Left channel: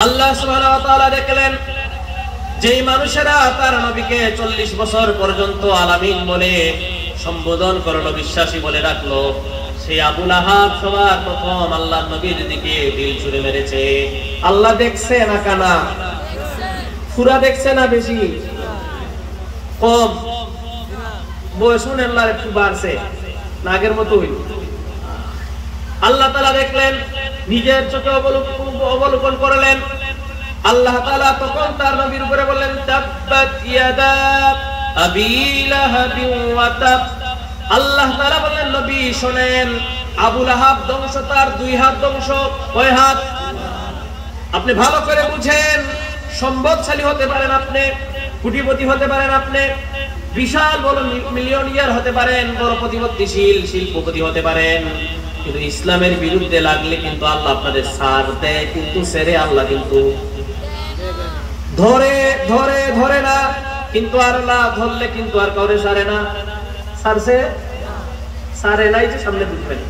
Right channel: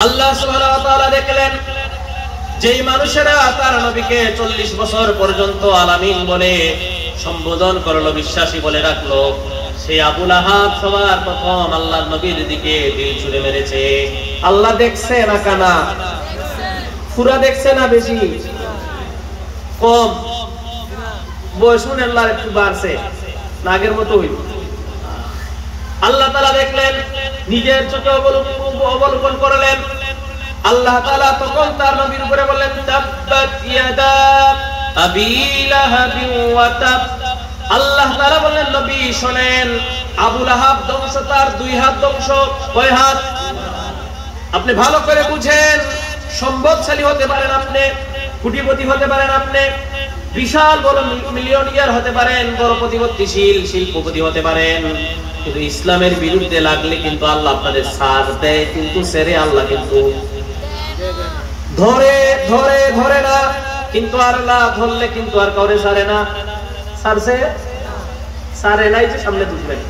আল্লাহ সুবহানাহু ওয়া তাআলা দেখলেন যেই মানুষেরা তার নবীকে 40 বছর পর্যন্ত আলামিন বলে সম্বোধন করলো, বিশ্বাসী বলে রাখলো, সেই আবু লাহাব সবার প্রথম আল্লাহর নবীর দিকে তীর ছুঁড়ে মেরেছে। আল্লাহ দেখছে না কানা? পুরা দেখছে না বেশি? কম? বয়স আল্লাহর একটু বাড়ছে না আগের মতোই? আল্লাহ তাআলা দেখলেন, নিজের চোখে অবলোকন করলেন। আল্লাহ তাআলা তখন তার নবীর উপরে বললেন, তাব্বাত ইয়াদা আবি লাহাবি ওয়া তাব। আল্লাহ তাআলা বললেন, নবী শুনেন, আবু লাহাব ধ্বংস, তার দুই হাত ধ্বংস। কয় হাত? আপনি ভালো করে বুঝেন। সম্পদশালী হতে পারেন আপনি, কোটিপতি হতে পারেন আপনি, বিশাল বড় মিলিয়নিয়ার হতে পারেন, বড় প্রতিপত্তিশীল শিল্পপতি হতে পারেন, কিন্তু ইসলামের বিরুদ্ধে লাগলে কিন্তু আল্লাহ আপনাদের ছাড় দেয়, কিন্তু ছেড়ে আল্লাহ কিন্তু ধরে ধরে ধরে না, কিন্তু আর না ধরলে কিন্তু আর কাউরে ছাড়ে না। ছাড়ছে? ছাড়ে নাই যে সামনে বুঝবেন।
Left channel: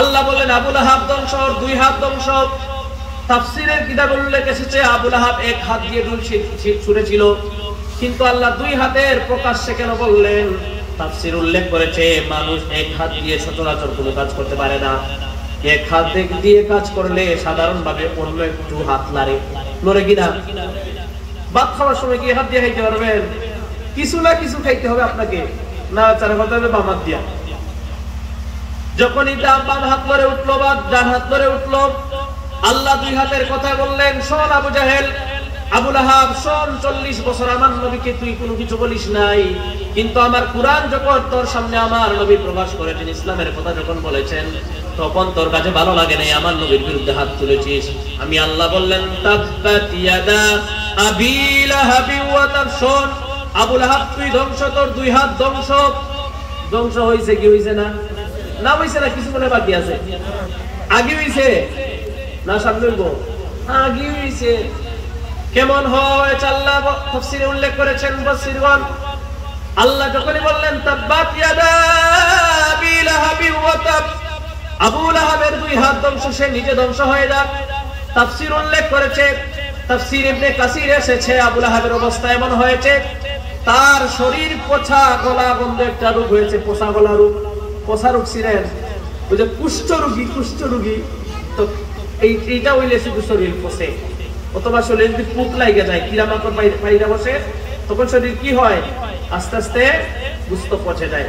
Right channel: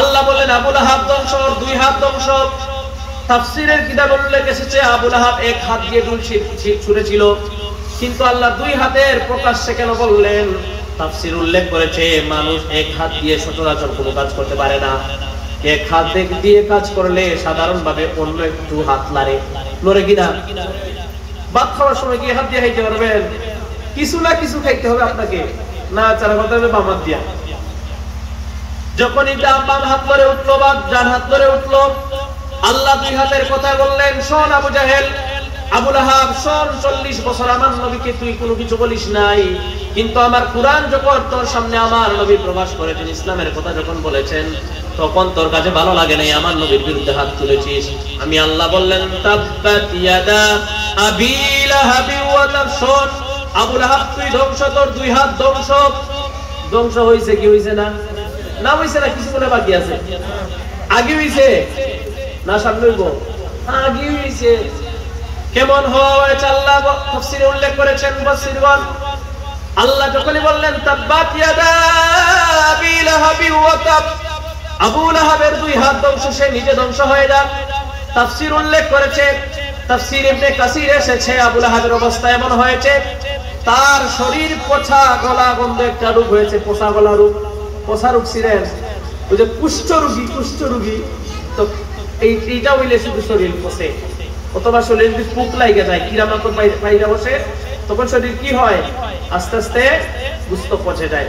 আল্লাহ বলেন আবু লাহাব ধ্বংস, দুই হাত ধ্বংস। তাফসীরের কিতাব উল্লেখ এসেছে আবু লাহাব এক হাত দিয়ে তীর ছুঁড়েছিল, কিন্তু আল্লাহ দুই হাতের প্রকাশ্যে কেন বললেন? তাফসীর উল্লেখ করেছে মানুষ এক হাত দিয়ে সচরাচর কোনো কাজ করতে পারে না। এক হাত দিয়ে কাজ করলে সাধারণভাবে অন্য একটু হাত নড়ে কিনা? ভাত খাওয়ার সময় কি হাত দিয়ে খাইতে পারবেন? কিছু না কিছু খাইতে হবে আপনাকে, না চারা কথা হবে বাম হাত দিয়া। যখন এটা বাম হাত ধরে উঠলো বা ডান হাত ধরে উঠলো, আল্লাহ দুই হাতের কথা বললেন, শোন আবু জাহেল, আবু লাহাব শোন, 40 বছর আমার নবীকে তুই কোনো কিছু বলিস নাই, কিন্তু আমার কুরআন যখন তোর সামনে আমার নবী প্রকাশ করেছেন, ইসলামের কথা যখন বলেছেন, তখন তোর কাছে ভালো লাগে নাই, আমার নবীর বিরুদ্ধে হাত তুলেছিস। আমি আল্লাহ বললেন, তাব্বাত ইয়াদা আবি লাহাবি ওয়া তাব। শোন আবু লাহাব, তুই ধ্বংস, তোর দুই হাত ধ্বংস। ধ্বংস হইছে কি হইছে না? না হইছে না, কিছু মনে বাকি আছে? আগে হইছে না সামনে হইব? আগে হইছে। কেমন হয়েছে আল্লাহ তাফসীরে উল্লেখ করেছেন মুফাসসিরগণ। আল্লাহ যখনই বললেন তাব্বাত ইয়াদা আবি লাহাবি ওয়া তাব, আবু লাহাবের দুই হাত ধ্বংস, সে নিজে ধ্বংস হয়ে যায়। তাফসীর উল্লেখ করেছে, তাফসীর ইবনে কাসির এসেছে, আবু লাহাবের অবস্থা এমন হয়েছে, তার শরীর পচা গলা গন্ধ একটা রোগ হয়েছে, পচা গলা রোগ। পচা রোগ ছিলেন ওই যে কুষ্ঠ রোগী, তো এইটা হইলে শুধু শরীর পচে, অথবা শরীর যদি পোক লাগে যায়, কিরামাকড় বাইরে বসে, তখন শরীর কি হয়? আস্তে আস্তে গুস্ত পচে যায়।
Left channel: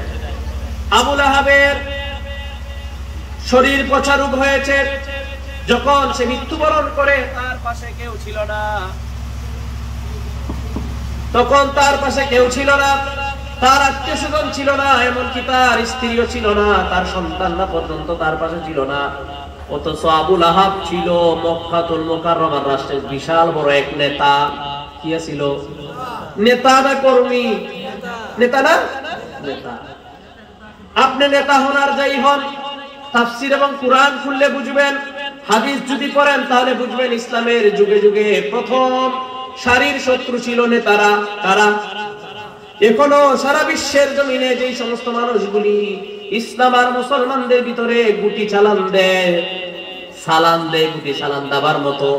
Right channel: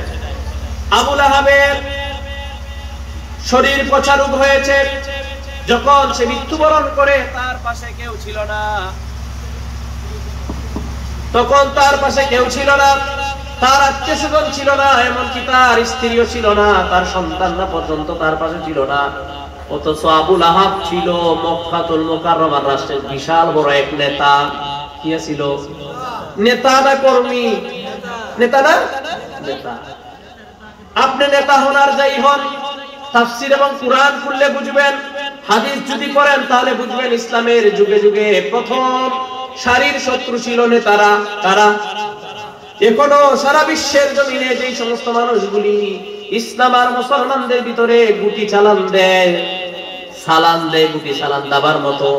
আবু লাহাবের শরীর পচা রোগ হয়েছে, যখন সে মৃত্যুবরণ করে, তার পাশে কেউ ছিল না। তখন তার পাশে কেউ ছিল না, তার আত্মীয়স্বজন ছিল না, এমনকি তার স্ত্রীও ছিল না, তার সন্তানরা পর্যন্ত তার পাশে ছিল না। অথচ আবু লাহাব ছিল মক্কাতুল মুকাররমার রাষ্ট্রের বিশাল বড় এক নেতা। কি ছিল? নেতা না কর্মী? নেতা না? নেতা। আপনি নেতা হন আর যাই হন, তাফসীর এবং কুরআন খুললে বুঝবেন, হাদিস যদি পড়েন তাহলে বুঝবেন, ইসলামের যুগে যুগে প্রথম সারির শত্রু ছিল নেতারা। কারা? এখনো সারা বিশ্বের জমিনে যে সমস্ত মানুষগুলি ইসলাম আর মুসলমানদের ভিতরে গুটি চালান দেয়, সালাম দেয়, গুটি সালাম দাবার মতো,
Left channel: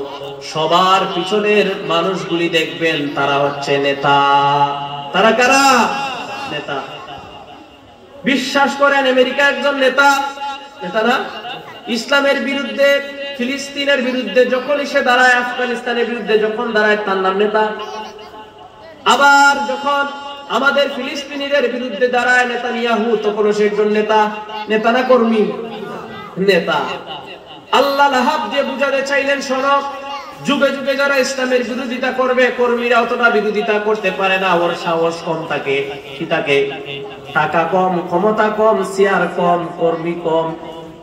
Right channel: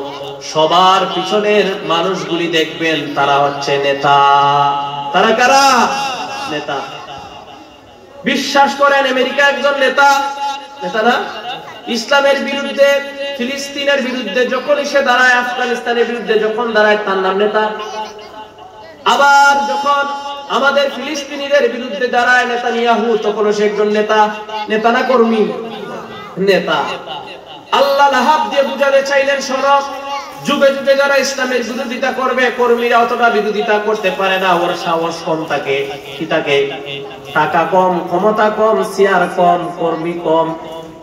সবার পিছনের মানুষগুলি দেখবেন তারা হচ্ছে নেতা। তারা কারা? নেতা। বিশ্বাস করেন আমেরিকা একজন নেতা? নেতা না? ইসলামের বিরুদ্ধে, ফিলিস্তিনের বিরুদ্ধে যখন এসে দাঁড়ায়, আফগানিস্তানের বিরুদ্ধে যখন দাঁড়ায়, তার নাম নেতা। আবার যখন আমাদের ফিলিস্তিনিদের বিরুদ্ধে দাঁড়ায় নেতানিয়াহু, তখন সে একজন নেতা। নেতা না কর্মী? নেতা। আল্লাহ লাহাব দিয়ে বুঝাতে চাইলেন, শোনো, যুগে যুগে যারা ইসলামের বিরোধিতা করবে, কর্মীরা অতটা বিরোধিতা করতে পারে না, ওর সাহস কম থাকে। কি থাকে? টাকা কম, ক্ষমতা কম, চেয়ার কম, কর্মী কম।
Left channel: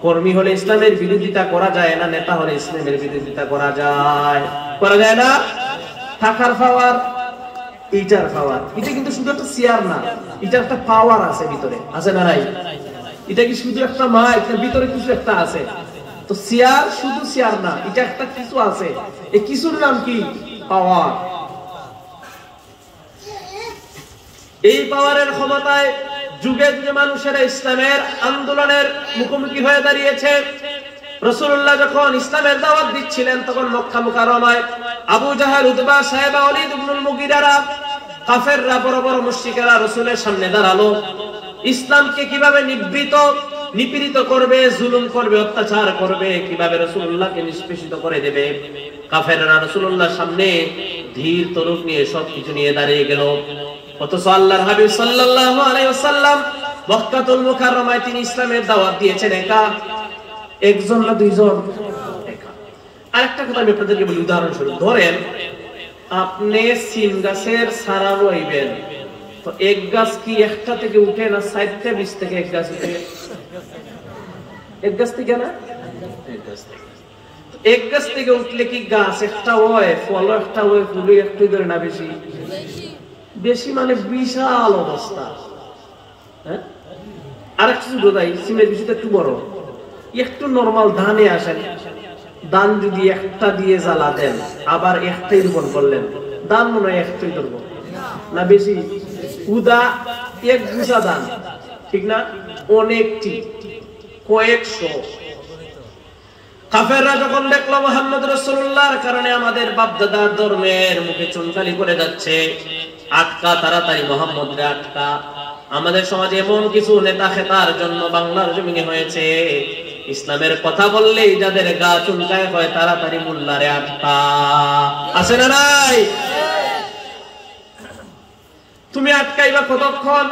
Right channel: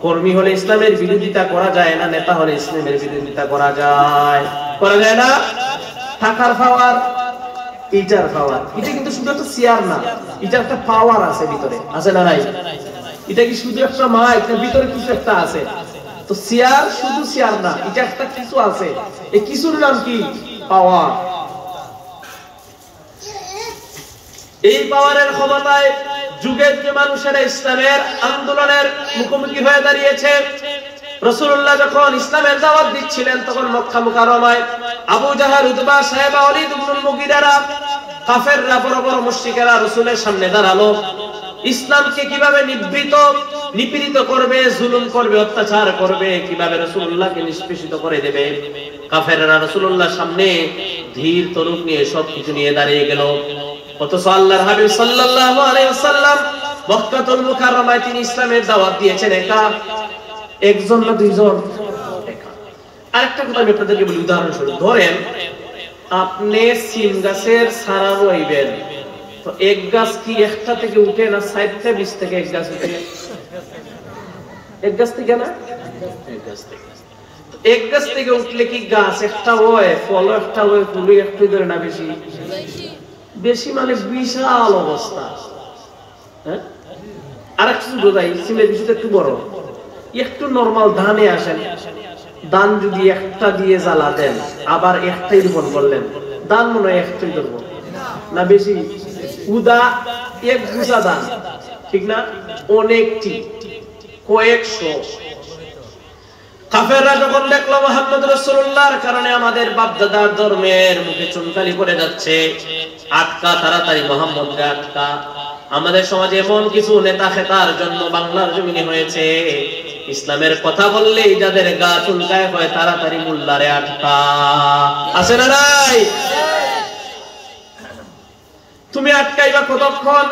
কর্মী হলে ইসলামের বিরোধিতা করা যায় না, নেতা হলে ইসলামের বিরোধিতা করা যায়। করা যায় না? টাকার পাওয়ার, ইটার পাওয়ার, এটা কিন্তু শুধু একটা চেয়ার না, এটা একটা পাওয়ার আছে ভিতরে, আছে না নাই? এটা কি শুধু একটা মাইক, ভিতরে কিছু একটা আছে। তো চেয়ার শুধু চেয়ার না, এটা একটা কিছু আছে, এই কিছুর নাম কি? পাওয়ার। এই পাওয়ারের ক্ষমতায় যুগে যুগে মানুষেরা ইসলামের আন্দোলনের মুখোমুখি হয়ে দাঁড়িয়েছে। রাসূলুল্লাহ যখন ইসলামের দাওয়াত দিচ্ছিলেন তখন মক্কা মুকাররমায় আবু জাহেল, উতবা, সাইবা, ওয়ালিদ ইবনুল মুগিরা, কাফেররা, বড় বড় মুশরিকেরা রাসূলের সামনে দাঁড়ালো। ইসলামকে কিভাবে নিপীড়িত করবে, জুলুম করবে, অত্যাচার করবে, কিভাবে রাসূলুল্লাহকে নিষ্পেষিত করে দেবে। কাফেররা রাসূলুল্লাহর সামনে ধীর তরুণ নিয়ে সবকিছু নিয়ে দাঁড়িয়ে গেল। অথচ আল্লাহর হাবিব সাল্লাল্লাহু আলাইহি ওয়াসাল্লাম মক্কাতুল মুকাররমায় তিনি ইসলামের দাওয়াত দিয়েছেন একা, একজন না দুইজন। আরেকটা কথা আমি আপনাদেরকে বলি, উদাহরণস্বরূপ ধরেন আপনি সিম গাছের ছাড়া রইবেন, তো এক গাছ কি একটা থেকে উঠে না 4-20 থেকে এক গাছ উঠে? এক গাছ থেকে না, এক গাছ থেকে উঠলে কি গাছ একটা হয়, ফল একটা হয়, ফুলে একটু ধরে না বেশি বেশি, মানে বিশাল অবস্থা। হ্যাঁ, আরেক কিছু বোঝাই, সিমের বিষয়টা একটু বড়, একটু নরমাল ধানে আসেন, ধান যদি একটা দিয়ে জ্বালা দেন আবার একটাই রোপণ করলেন, ধান মনে হয় একটাই ধরবো না বেশি, উদা এক গুছা ধান, ঠিক না, অনেকটি কয়েকশো। কাফেররা যখন দেখলো মুহাম্মদ রাসূলুল্লাহর কারণে আমাদের বাপদাদার ধর্মের মুখে চুনকালি করে যাচ্ছে, আটকা, তাড়াতাড়ি মুহাম্মদকে আটকা। আমাদের সমাজে এমন কিছু নেতা খেতার জন্য বাংলার জমিনে হয়েছে, ইসলামের কথা বললেই যাদের গা চুলকায় হয়, তাড়াতাড়ি মোল্লারে আটকা। আছে না নাই? তুমি আটকাইবা কতক্ষণ?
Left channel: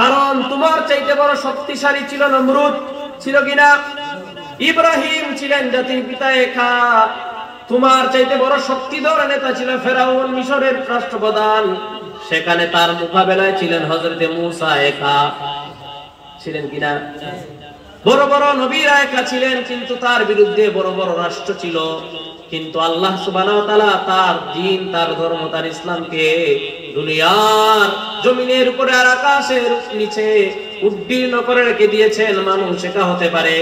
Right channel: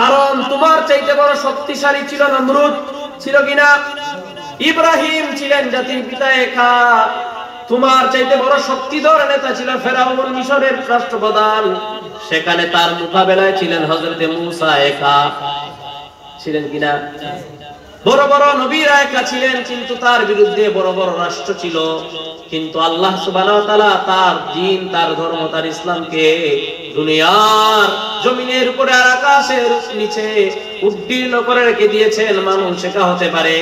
কারণ তোমার চাইতে বড় শক্তিশালী ছিল নমরুদ, ছিল কিনা? ইব্রাহিম ছিলেন জাতির পিতা একা। তোমার চাইতে বড় শক্তিধর নেতা ছিল ফেরাউন, মিশরের রাষ্ট্রপ্রধান, সেখানে তার মোকাবেলায় ছিলেন হযরতে মূসা একা, ছিলেন কিনা? বড় বড় নবীরা একা ছিলেন, কিন্তু তার বিরুদ্ধে বড় বড় রাষ্ট্র ছিল। কিন্তু আল্লাহ সুবহানাহু ওয়া তাআলা তার দ্বীন, তার ধর্ম, তার ইসলামকে দুনিয়ার জমিনের উপরে আর আকাশের নিচে উদ্দীর্ণ করে রেখে দিয়েছেন। মানুষ একা হতে পারে,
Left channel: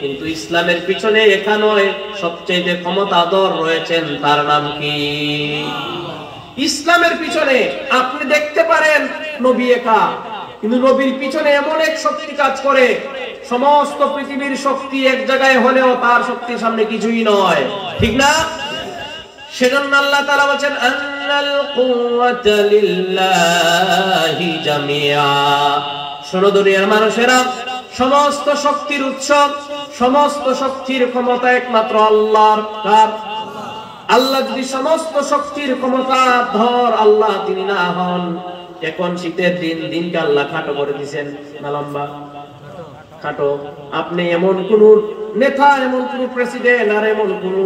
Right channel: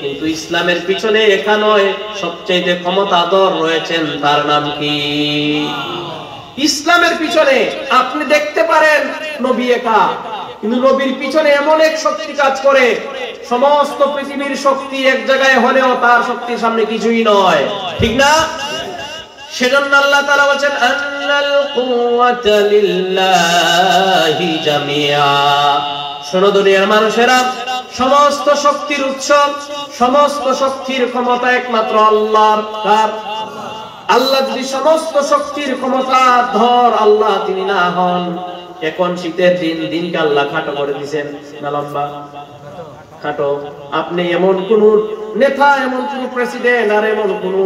কিন্তু ইসলামের পিছনে একা নয়, সবচেয়ে ক্ষমতাধর রয়েছেন, তার নাম কি? ইসলামের পিছনে আপনি দেখতে পারেন নবী একা, কিন্তু নবীর পিছনে এমন এক শক্তি কাজ করে, সমস্ত পৃথিবীর শক্তি এক জায়গায় হলেও তার শক্তির সামনে কিছুই নয়, ঠিক না? সেজন্য আল্লাহ তাআলা বলেন আন্নাল কুওয়াতা লিল্লাহি জামিআ। শোনো দুনিয়ার মানুষেরা, সমস্ত শক্তির উৎস, সমস্ত শক্তির ক্ষমতা একমাত্র আল্লাহর। কার? আল্লাহ যদি সমস্ত শক্তির ক্ষমতা ধর আল্লাহ তিনি না হন, এখন শীতের দিন, দিনকে আল্লাহ খাটো করে দিয়েছেন না লম্বা? খাটো। আপনি এমন কোন নেতা, এমন কোন প্রেসিডেন্ট আর এমন কোন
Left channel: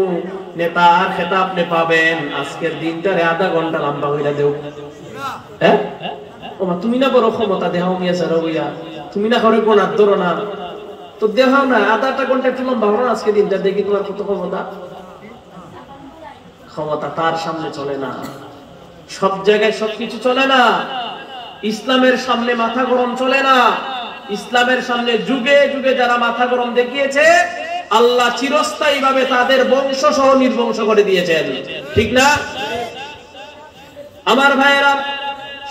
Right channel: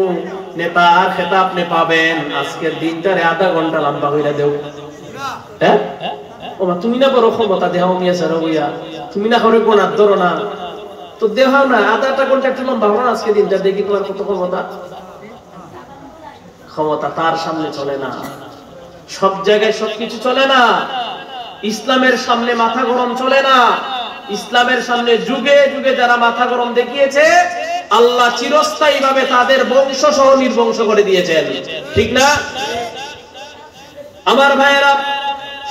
নেতা আর খেতা আপনি পাবেন আজকের দিনটারে আধা ঘন্টা লম্বা হইয়া দেও? হ্যাঁ, ও মা, তুমি না বড় ক্ষমতা দেহ নিয়ে সারা, তুমি না করে কোন আদর না, তো দেহ না আধাটা ঘন্টা একটু লম্বা হলো আজকে দিনটা, দেখি তোমার কত ক্ষমতা। ক্ষমতা তার সামনে চলে না, সব জায়গায় সবকিছু চলে না। ইসলামের সামনে মাথা গরম চলে না। ইসলামের সামনে যুগে যুগে যারা মাথা গরম দেখিয়েছে, আল্লাহ চিরস্থায়ী ভাবে তাদের বংশ সহ নির্বংশ করে দিয়েছেন, ঠিক না? আমার ভাইয়েরা,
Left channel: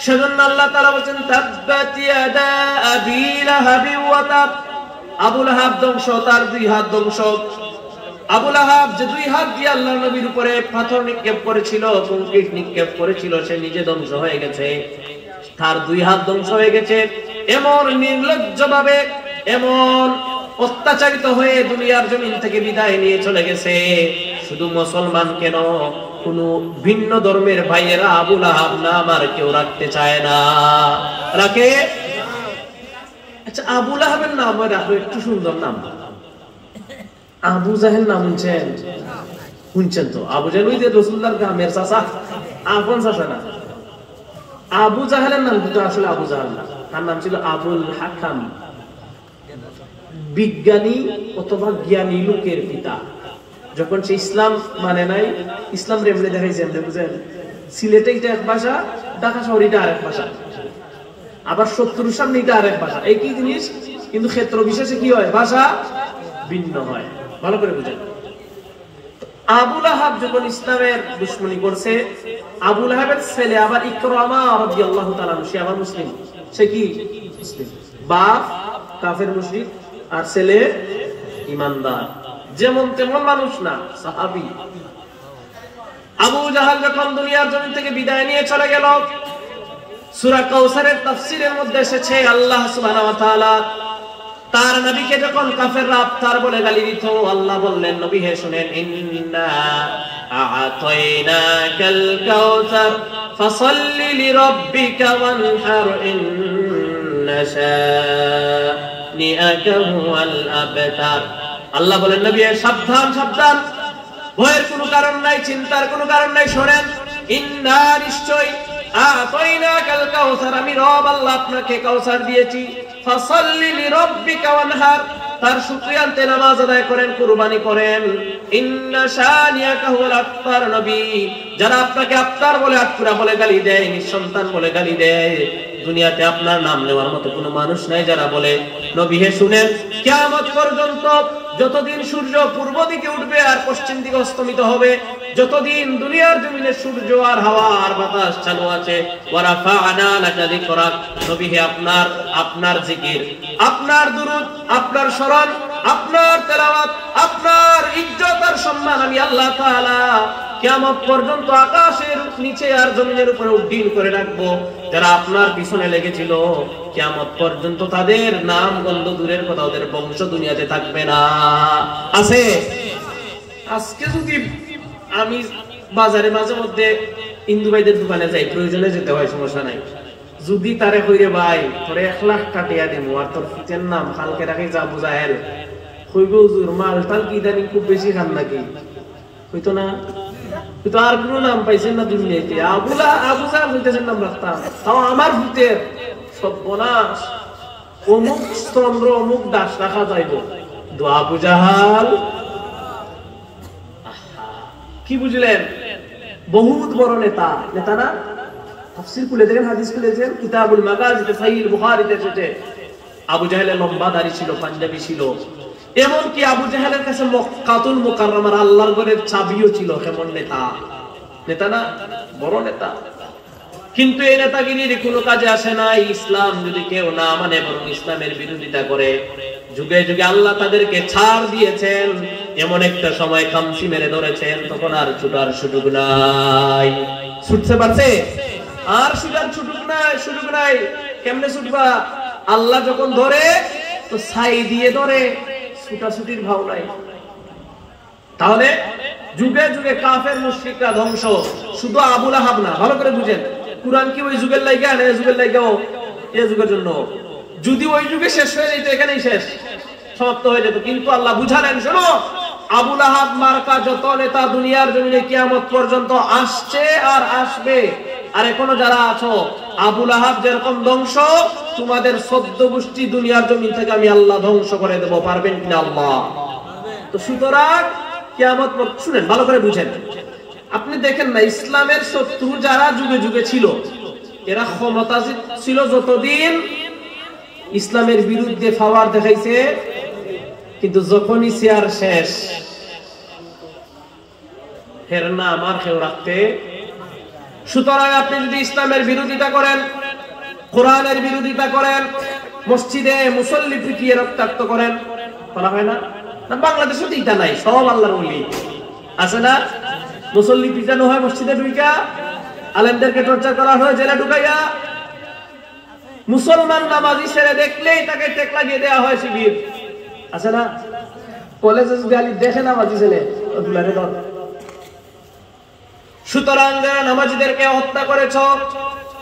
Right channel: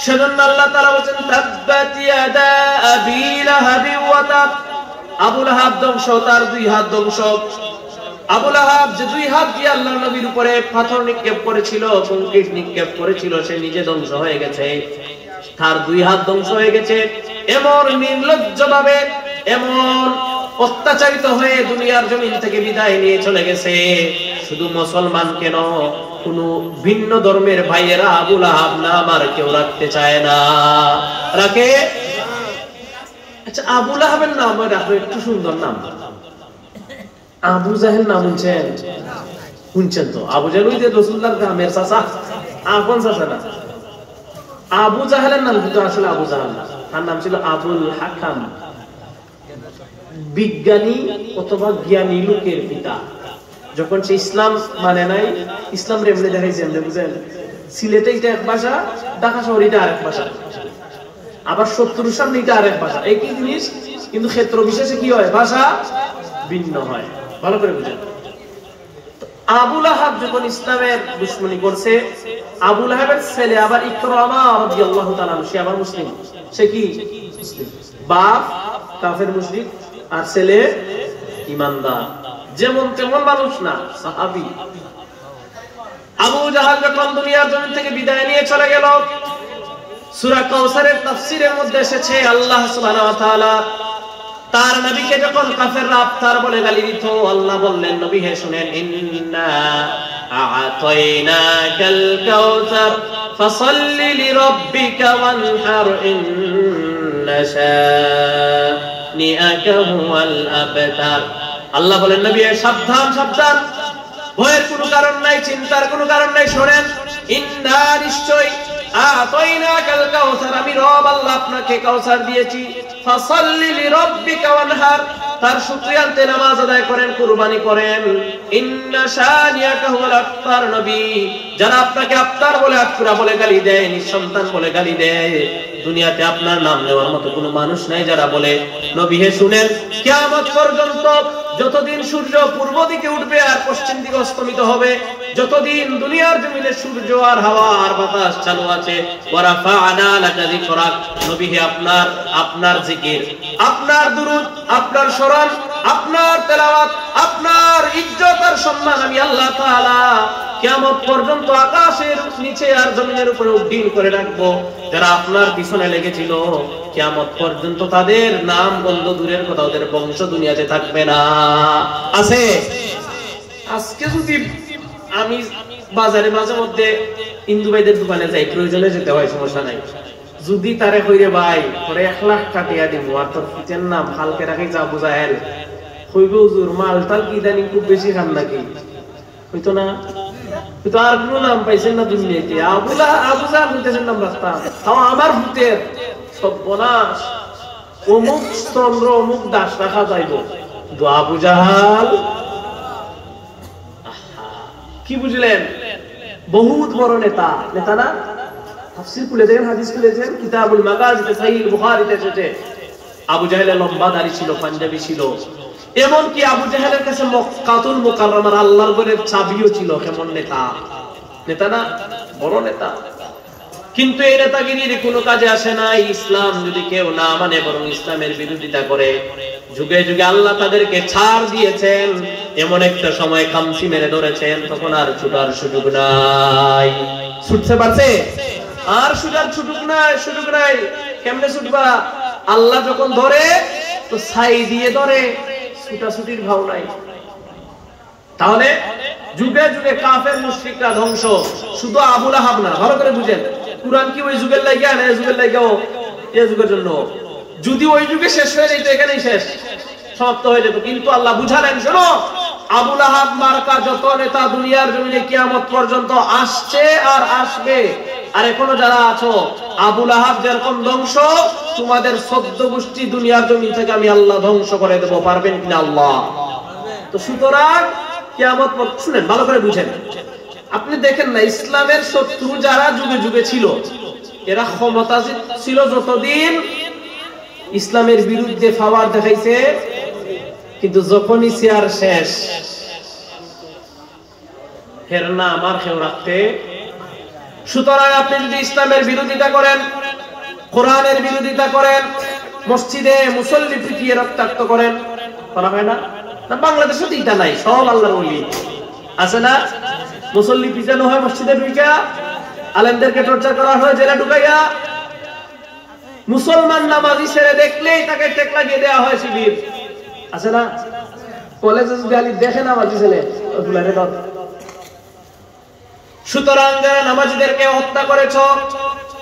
সেজন্য আল্লাহ তাআলা বলেন তাব্বাত ইয়াদা আবি লাহাবি ওয়া তাব। আবু লাহাব ধ্বংস, তার দুই হাত ধ্বংস। আবু লাহাব যে দুই হাত দিয়ে আল্লাহর নবীর উপরে পাথর নিক্ষেপ করেছিল, কংক্রিট নিক্ষেপ করেছিল, সে নিজে ধ্বংস হয়ে গেছে, তার দুই হাত ধ্বংস হয়ে গেছে। এমন নির্লজ্জ ভাবে, এমন অত্যাচারিত হয়ে দুনিয়ার জমিন থেকে বিদায় নিয়ে চলে গেছে। শুধু মুসলমান কেন, কোন ভিন্ন ধর্মের ভাইয়েরা আবু লাহাব নাম আর কেউ রাখতে চায় না। রাখে? আচ্ছা, আবু লাহাবের নাম রাখবে একটু সুন্দর নাম। আবু জাহেল নাম শুনছেন? শুনছেন তো? আবু জাহেল ওই যে রাসূলুল্লাহর গ্রামের চাচা, আপন চাচা না। আবু জাহেলের নাম কিন্তু আসলে আবু জাহেল না, তার নাম ছিল আবুল হাকাম, বিজ্ঞানী অথবা জ্ঞানী লোকের পিতা। যখন সে ইসলাম মানে নাই, ইসলাম এমনি দেখাইছে, বুঝেন? সিলেটে এটা এক ভাষা, ঢাকা শহরে এটা আরেক ভাষা, আবার শত্রুর সামনে এটা আরেক ভাষা, একই জিনিস, কিন্তু ক্ষেত্র বিশেষে কি হয়, ভাষা ভিন্ন হয়। ভালো করে বুঝেন। আবু লাহাব যখন ইসলামের দুশমনি করছে, আবু লাহাবের ছেলে আবার ইকরামা রাদিয়াল্লাহু তাআলা, সে আবার মুসলিম। সে কি মুসলিম, বাপ কাফের মুশরিক আর ছেলে ইমানদার, যেমন তেমন মানুষ না, সাহাবী। আবু জাহাল যখন দুনিয়ার জমিন থেকে বিদায় নিয়ে চলে গেল, সূরা কাউসারের তাফসীরের মধ্যে এসেছে আল্লাহ সুবহানাহু ওয়া তাআলা তার নবীকে যখন কাফেররা আফতার বলে গালি দিত, আল্লাহ বললেন, নবী হে শুনেন, ইন্না আ'তাইনাকাল কাউসার ফাসাল্লি লিরাব্বিকা ওয়ানহার ইন্না শানিআকা হুয়াল আবতার। আল্লাহ বলেন, নবী সাবধান সাবধান, ভয়ের কোনো কারণ নাই, চিন্তার কোনো কারণ নাই, শোনেন, ইন্না নিশ্চয় আ'তাইনাকাল কাউসার, আমি রব আল্লাহ আপনাকে কাউসার দিয়েছি, ফাসাল্লি লিরাব্বিকা ওয়ানহার, তার শুকরিয়াতে নামাজ আদায় করেন, কুরবানি করেন, ইন্না শানিআকা হুয়াল আবতার। নবী যারা আপনাকে আফতার বলে, আফতার বলে গালি দেয়, নিঃসন্তান বলে গালি দেয়, দুনিয়াতে আপনার নাম নেওয়ার মতো কোনো মানুষ নাই যারা বলে। নবী হে শুনেন, কিয়ামত পর্যন্ত যতদিন সূর্য পূর্ব দিকে উঠবে আর পশ্চিম দিকে অস্তমিত হবে, যতদিন দুনিয়ার জমিনে সূর্য আর হাওয়া আর বাতাস চালু আছে, ওয়ারাফা'না লাকা যিকরাক, নবী হে আপনার জিকির, আপনার দুরূদ, আপনার স্মরণ, আপনার তেলাওয়াত, আপনার ইজ্জত আর সম্মান আমি আল্লাহ তাআলা কিয়ামত পর্যন্ত আকাশের নিচে আর জমিনের উপরে উড্ডীন করে রাখবো। যারা আপনার পিছনে লেগেছিল, কিয়ামত পর্যন্ত তাদের নাম গন্ধ দূরের কথা, ওদের বংশ দুনিয়াতে থাকবে না। আছে আজকে যদি আমি বাজারে মাঝে মধ্যে ইন্দু ভাইদের দোকানে যাই, প্রয়োজনে যেতে হয়, সমস্যা নাই, যদি তারে কইরে ভাই পরে 1 লাখ কাটিয়া দিব আর তোর পিতার নাম কালকে রাখি যা বুঝাহেল, কইবে হুজুর মালটার কি জানি খুব বেশি খান নাকি, হইতো না, কিন্তু আর কোনো নাম পাইছেন না দুনিয়াতে, আবু জাহাল ভূতের নাম রাখতাম, তাও আমার ভূতের সর্বনাশ, অমুক চন্দ্র অমুক দাস রাখা যাইব, কিন্তু আবু জাহাল কি বুঝলেন, বহুত বড় নেতা, নেতা না? তাফসীর খুলে দেখেন, হাদিস খুলে দেখেন, কিতাবুল মাগাজি সহিহ বুখারীতে এসেছে, আবু জাহেলের লম্বা দাড়ি ছিল, পাঞ্জাবি ছিল, এমনকি আবু জাহেলের কাছে মক্কাতুল মুকাররমার আল্লাহর ঘরের চাবিও ছিল। কেমন নেতা, নেতা না? বড় নেতা। কিন্তু এই নেতাগিরির কোনো কাজে আসে না। ইসলাম যদি কেউ না মানে, বরং ইসলামের বিরোধিতা করে, যুগে যুগে আল্লাহ তাদেরকে ছাড় দিয়েছেন, এমন একটা সময় খামসি মেরে ধরেছেন, তখন আর ছুটার সুযোগ নাই। ছুটতে পারছে? আর ছুটার সুযোগ নাই। কেমনে ছুটবা? আল্লাহ যখন ধরে তো ছাই দিয়ে ধরে, ছুটাছুটির ভাব নাই। তাহলে যুগে যুগে কাফের মুশরিকরা ধ্বংস, শুধু আবু লাহাব না, ভালো করে বুঝেন। কুরআন কি ওই যুগের লাইগা না, এই যুগের লাইগাও, এই যুগের জন্য। যদি ওই যুগে শেষ হয়ে যেত, এখানেই শেষ, সমাপ্ত হয়ে যেত। কিন্তু আল্লাহ বুঝালেন, শোনো, আবু লাহাব মার্কা যত নেতা দুনিয়ার জমিনে কিয়ামত পর্যন্ত আসছে আর আসবে, আর এখনো যারা আছো, আবু লাহাব যেরকম ধ্বংস, তোমাদের 14 গোষ্ঠী দুনিয়ার জমিন থেকে আমি আল্লাহ ধ্বংস করে দেব। পারবেন কিনা আল্লাহ? তো সুতরাং কিয়ামত, শুনেন ভালো করে বুঝেন, আপনি দেখেন না, ইসলামের শত্রু যারা যুগে যুগে ছিল, এরা ক্ষমতা ছিল যতদিন, ইসলামের বিরুদ্ধে পাওয়ার দেখাইছে, কিন্তু যখনই চেয়ার শেষ, ফের না আমার কেউ রাখতে। সুতরাং আপনি যদি ইসলামের বিরোধিতা করেন, কোরআনের বিরোধিতা করেন, মসজিদে মুসল্লি পিটিয়ে রক্তাক্ত করেন, করা হয় না? বাংলাদেশে তো এটা নাই, সব আল্লাহর ওলি আছে না? মুসল্লি পিটানো হয় মসজিদে ঢুইকা, আলেমদেরকে টর্চার করা হয় জেলে ঢুকাইয়া, মুসলমান নামাজি ছেড়ে দেখলেই তাকে টেক লাগিয়ে দেওয়া হয় শিবির, আছে না? কলেজে গালি দেখে নামাজি ছেলে। সুতরাং যারা নামাজিদেরকে হত্যা করেছ,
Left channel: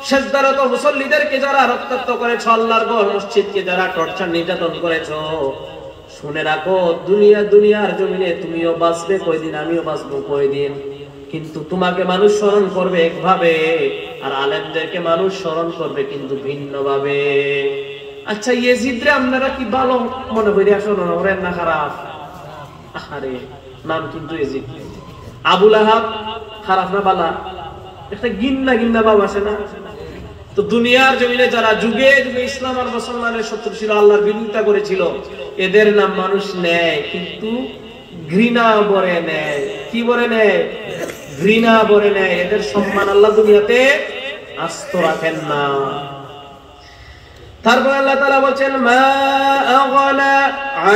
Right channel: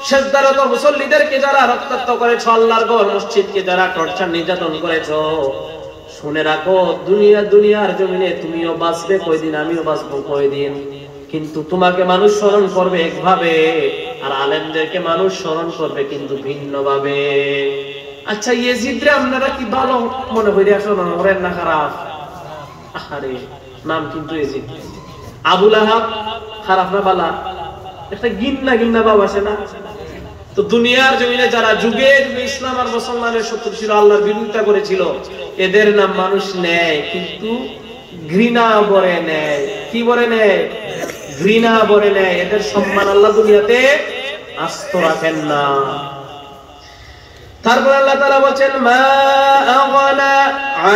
সেজদারত মুসল্লিদেরকে যারা রক্তাক্ত করেছ, আল্লাহর ঘর মসজিদকে যারা টর্চার নির্যাতন করেছ, শুনে রাখো, দুনিয়ার জমিনে তুমিও বাঁচবে কয়দিন, আমিও বাঁচবো কয়দিন, কিন্তু তোমাকে মানুষ স্মরণ করবে একভাবে, আর আলেমদেরকে মানুষ স্মরণ করবে কিন্তু ভিন্নভাবে। আচ্ছা, ইয়েজিদরে আপনারা কি ভালো মনে করি? আসলে মনে না খারাপ? আরে নাম কিন্তু ইয়েজিদ। আবু লাহাব খারাপ না বালা? একটা গিন্না বাবা আছে না? তো দুনিয়ার জমিনে যারা যুগে যুগে ইসলাম আর মুসলমানের শত্রু ছিল, আল্লাহর বিরোধিতা করেছিল, এদের নাম মানুষ নেয়, কিন্তু ঘৃণা ভরে নেয়। কি ভরে নেয়? ঘৃণা ভরে নেয়। এদের সম্মান আল্লাহ দুনিয়াতে আস্ত রাখেন না। তারপর আল্লাহ তাআলা বলেন মা আগনা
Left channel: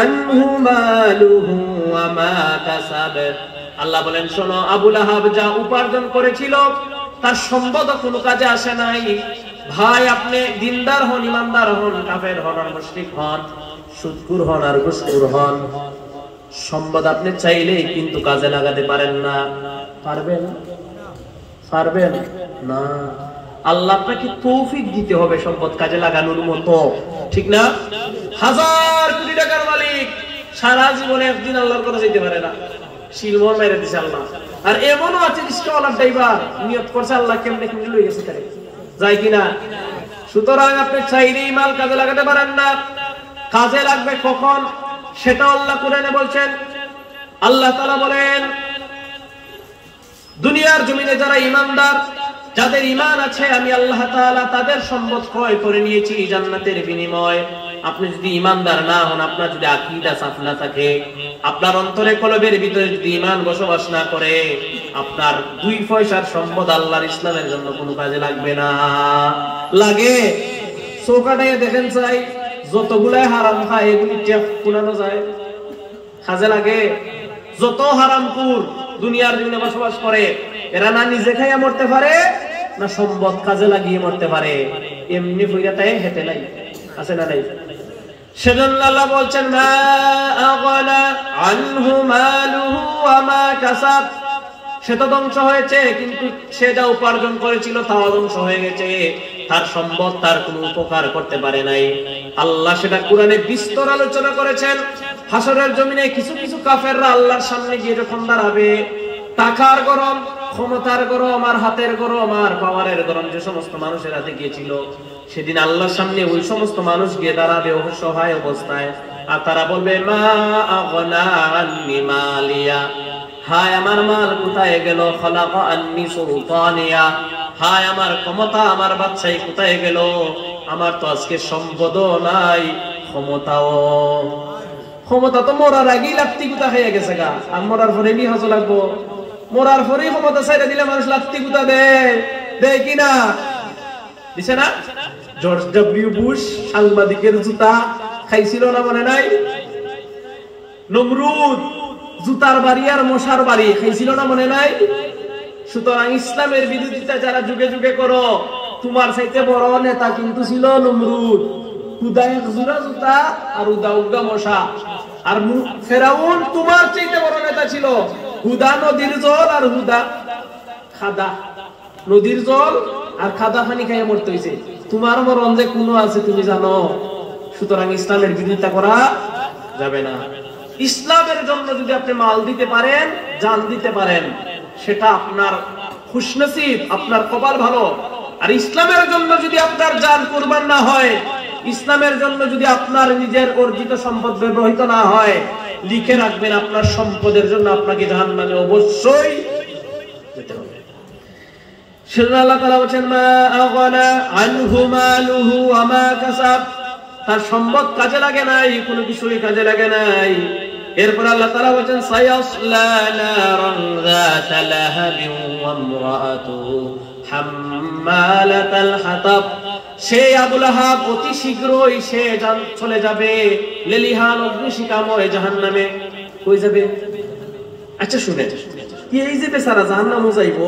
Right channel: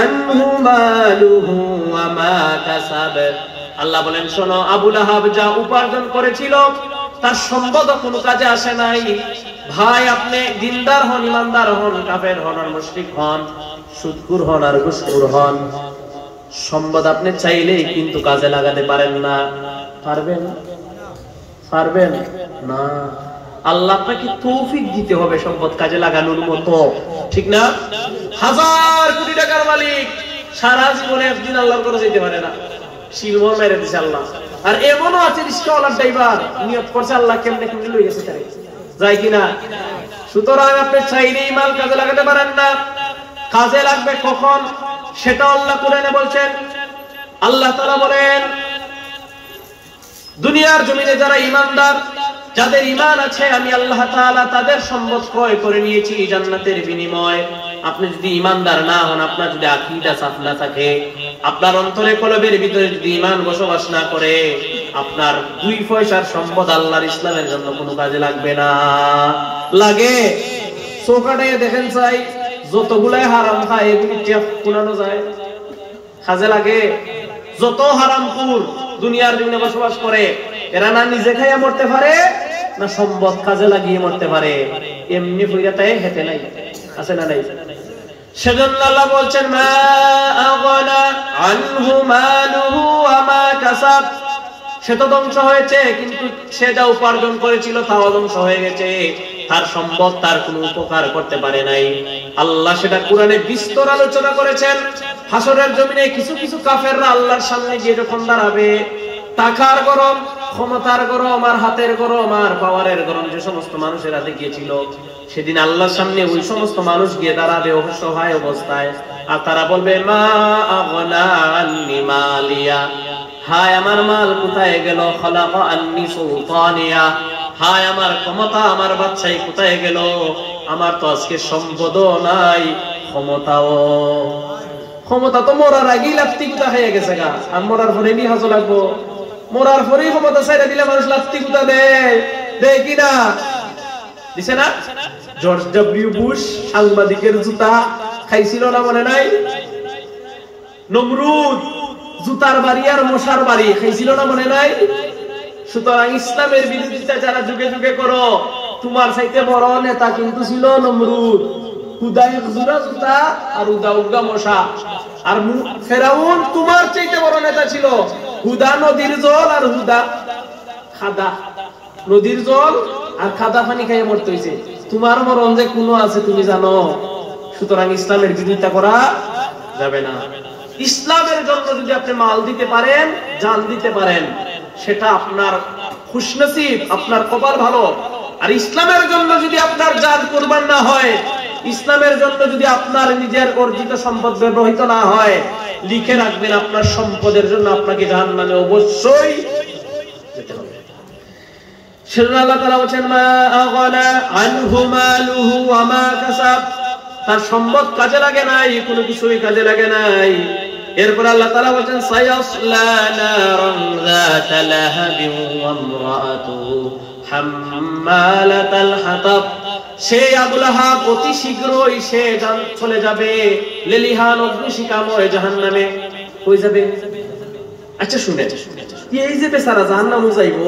আনহু মালুহু ওয়া মা কাসাব। আল্লাহ বলেন শোনো, আবু লাহাব যা উপার্জন করেছিল তার সম্পদ কোনো কাজে আসে নাই। ভাই, আপনি দিনদার হন, ইমানদার হন, কাফের হন আর মুশরিক হন, সুদখোর হন আর ঘুষখোর হন, সম্পদ আপনি চাইলেই কিন্তু কাজে লাগাতে পারেন না। পারবেন? পারবেন না। আল্লাহ আপনাকে তৌফিক দিতে হবে সম্পদ কাজে লাগানোর মতো, ঠিক না? হাজার কোটি টাকার মালিক সারা জীবনে একদিন আল্লাহর করে যেতে পারে না, শিলমোহর মেরে দিছে আল্লাহ। আর এমনও আছে রিস্কাওয়ালার ড্রাইভার নিয়ত করছে আল্লাহ কেমনে কেমনে লই গেছে তারে, যায় কিনা? সুতরাং আপনি চাইলেই মাল কাজে লাগাতে পারেন না। কাজে লাগবে কখন সেটা আল্লাহ কোরআনে বলছেন। আল্লাহ তাআলা বলেন দুনিয়ার জমিনে যারা ঈমানদার, যাদের ঈমান আছে, আমি আল্লাহ তাআলা তাদের সম্পদ ক্রয় করে নিয়েছি জান্নাতের বিনিময়ে। আপনি যদি ঈমানদার না হন, আপনার যদি আকীদা সাফ না থাকে, আপনার অন্তরে কলবের ভিতরে যদি ঈমান বসবাস না করে, আপনার 2 পয়সার সম্পদ আল্লাহর ইসলামের জন্য কোনো কাজে লাগবে না। লাগে সোফাটায় দেখেন চাই যতগুলাই হারাম খায় এগুলি টেপ কুলানো যায়, কাজে লাগে? যত হারামখোর দুনিয়ার জমিনে বসবাস করে, এরা না নিজে খাইয়া মরতে পারে না সম্পদ কাজে লাগিয়ে মরতে পারে। এমনি ফিরাতায় হেতে নাই, আছে না নাই? সেজন্য আল্লাহ বলছেন মা আগনা আনহু মালুহু ওয়া মা কাসাব। সে তো ধ্বংস হয়েছে, কিন্তু সে যা উপার্জন করেছিল তাও ধ্বংস হয়ে গেছে। তার সম্পদ তার কোনো উপকার করতে পারে নাই। আল্লাহ সেটা কোরআনে বিস্তর আলোচনা করেছেন। হাসরের জমিনে কিছু কিছু কাফেররা আল্লাহর সামনে গিয়ে যখন দাঁড়াবে, টাকার গরম, ক্ষমতার গরম আর হাতের গরম আর পাওয়ারের গরম যে সমস্ত মানুষের হাতে গিয়েছিল, সেদিন আল্লাহর সামনে ওই সমস্ত মানুষ গিয়ে দাঁড়াবে অসহায় অবস্থায়। আর তারা বলবে মা আগনা আন্নি মালিয়া, হায় আমার মাল কোথায় গেল? খলাকা আন্নি সুলতানিয়া, হায় আমার ক্ষমতা, আমার বাদশাহী কোথায় গেল? আমার তো আজকে সম্পদও নাই, ক্ষমতাও। ক্ষমতা তো মরার আগেই লাত্তি কুতা হয়ে গেছে গা, আর মরার পরে নি হাজো লাগবো? মরার পরেই ক্ষমতা ছাইড়া দিলে মানুষ লাত্তি কুতা দেয়, দেয় কিনা? দিছে না? জর্জ ডব্লিউ বুশ সাংবাদিকের জুতা খাইছিল না, মনে নাই? নমরুদ জুতার বাড়ি আর মশার বাড়ি খাইছিল না, মনে নাই? সুতরাং ইসলামের বিরোধিতা যারা যুগে যুগে করো, তোমার চাইতে বড় নেতা কিন্তু ছিল নমরুদ। হুদা জুরা জুতা আর উদা উগা মশা। আর ফেরাউন তোমার চাইতে বড় নেতা ছিল, হুদা নদীর জল আর হুদা খাদা। নদীর জল আর খাদা পানি খাইয়ে মরতে হয়েছে। তোমার মরণ যে কোনো আছে তুমি জানো। সুতরাং ইসলামের বিরোধিতা করা যাবে না। ইসলামের জন্য যদি আপনি মাল দিতে পারেন, জান দিতে পারেন, সেটা আপনার খুশনসিব, আপনার কপাল ভালো। আর ইসলামের জন্য যদি আপনার জান কুরবান না হয়, ইসলামের জন্য যদি আপনার নিজের অর্জিত সম্পদ ব্যবহৃত না হয়, লিখে রাখবেন আপনার সম্পদের জন্য আপনাকে জাহান্নামে অবশ্যই যেতে হবে। সেজন্য আল্লাহ তাআলা বলেন মা আগনা আনহু মালুহু ওয়া মা কাসাব, তার সম্পদ কাজে লাগে নাই, কোনো কিছুই কাজে লাগে নাই। এরপর আল্লাহ তাআলা বলেন সায়াসলা নারান যাতা লাহাবিন ওয়া ইমরাআতুহু হাম্মালাতাল হাতাব। সে আবু লাহাব অতি শীঘ্রই সে চলে যাবে লেলিহান অগ্নিশিখাময় জাহান্নামে। কই যাবে? আচ্ছা শুনে, এই যে বেচারা জাহান্নামে যাইবো,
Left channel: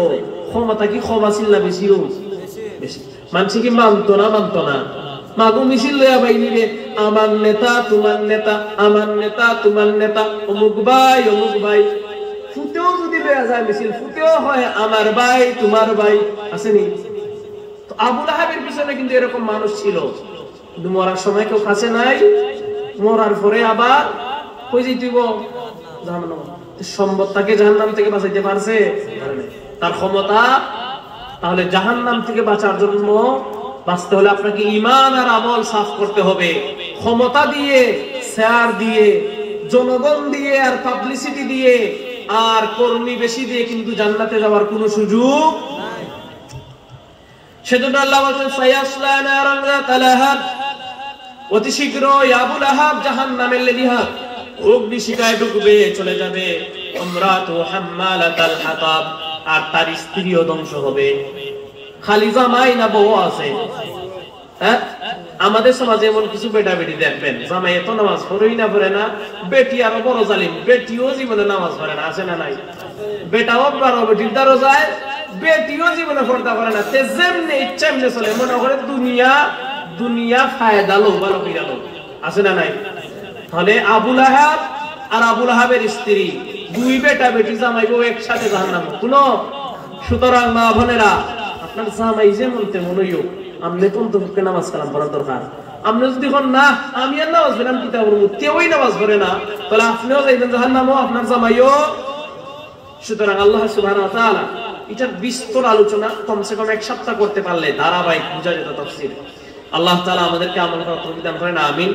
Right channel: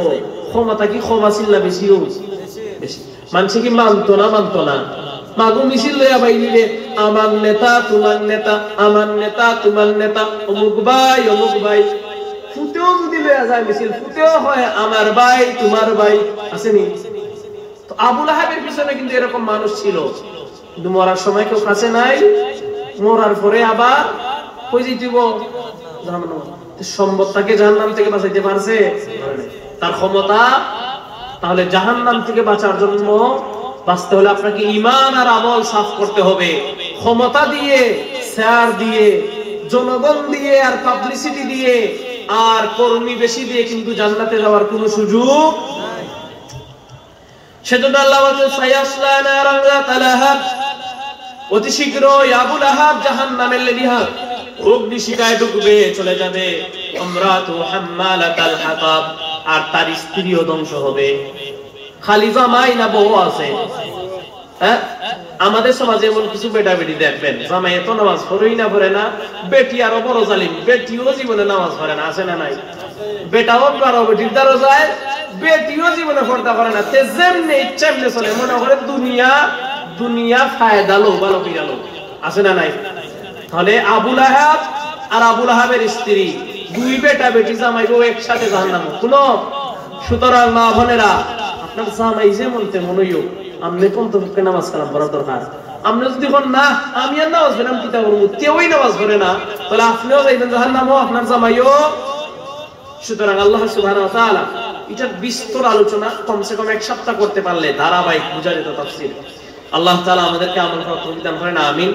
ক্ষমতা কি ক্ষমা ছিল্লা বেশি বেশি? মানুষ কি মানতো না? মাগু মিছিল লইয়া বাইরে আমার নেতা তোমার নেতা, আমার নেতা তোমার নেতা, অমুক ভাই অমুক ভাই। ফুটেও যদি লইয়া যায় মিছিল, ফুটেও হয় আমার ভাই তোমার ভাই, আসেনি? তো আবু লাহাবের পিছনে কিন্তু এরকম মানুষ ছিল, কিন্তু মরার সময় কেউ কাছে নাই। মরার পরে আবার কই যেতেব? জাহান্নাম। সম্পদটাকে জাহান্নাম থেকে বাঁচাইতে পারছে? তার ক্ষমতা। তাহলে জাহান্নাম থেকে বাঁচার জন্য বাঁচতে হলে আপনাকে ঈমান আর আমল সাফ করতে হবে। ক্ষমতা দিয়ে, শেয়ার দিয়ে, জনগণ দিয়ে আর পাবলিসিটি দিয়ে আর কর্মী বেশি দিয়ে কিন্তু জান্নাতে যাওয়ার কোনো সুযোগ নাই। সেজন্য আল্লাহ বলেন সায়াসলা নারান যাতা লাহাব, অতি শীঘ্রই আবু লাহাব জাহান্নামের লেলিহান অগ্নিশিখায় ঢুকবে, চলে যাবে। ইমরাতু হাম্মালাতাল হাতাব, আর তার স্ত্রীও ধ্বংস হবে। খালি জামাই না বউ আছে? হ্যাঁ, আমাদের সমাজে এমন কিছু বেটা বেটি দেখবেন জামাই এত নামাজ পড়েই না পড়ে না, বেটি আরো বড় জালিম, বেটিও জীবনে নামাজ পড়ে না, আছে না নাই? বেটাও বড় বেটির দ্বারা যায়, বেটিও জীবনে পর্দা করে না, যেমনি ইচ্ছা এমনি চলে, মনে করে দুনিয়া ফায়দা লো, ভালো কিনা লো, আছে না নাই? তাহলে আবু লাহাব আর আবু লাহাবের স্ত্রী দুই বেটা বেটি জামাই বউ একসাথে জাহান্নামে। শুনো, সুতরাং মা বোনেরা, আপনার জামাই যেমন তেমন হইও, আপনি পঞ্চমুখে নামাজ কালাম করার দরকার। আপনি যদি কোন না আমি আর নামাজ পড়লাম কি করবো, কেউই নামাজ পড়ে না, তাহলে আপনিও যাইবেন জাহান্নামে, আপনার জামাইও। সুতরাং আল্লাহ সুবহানাহু ওয়া তাআলা এটার বিস্তর আলোচনা কমসে কম এক সপ্তাহ করতে পারলে ধারাবাহিক বুঝা যেত তাফসীর। আল্লাহ তাআলা আমাদেরকে আমল করার তৌফিক দান করেন, আমিন।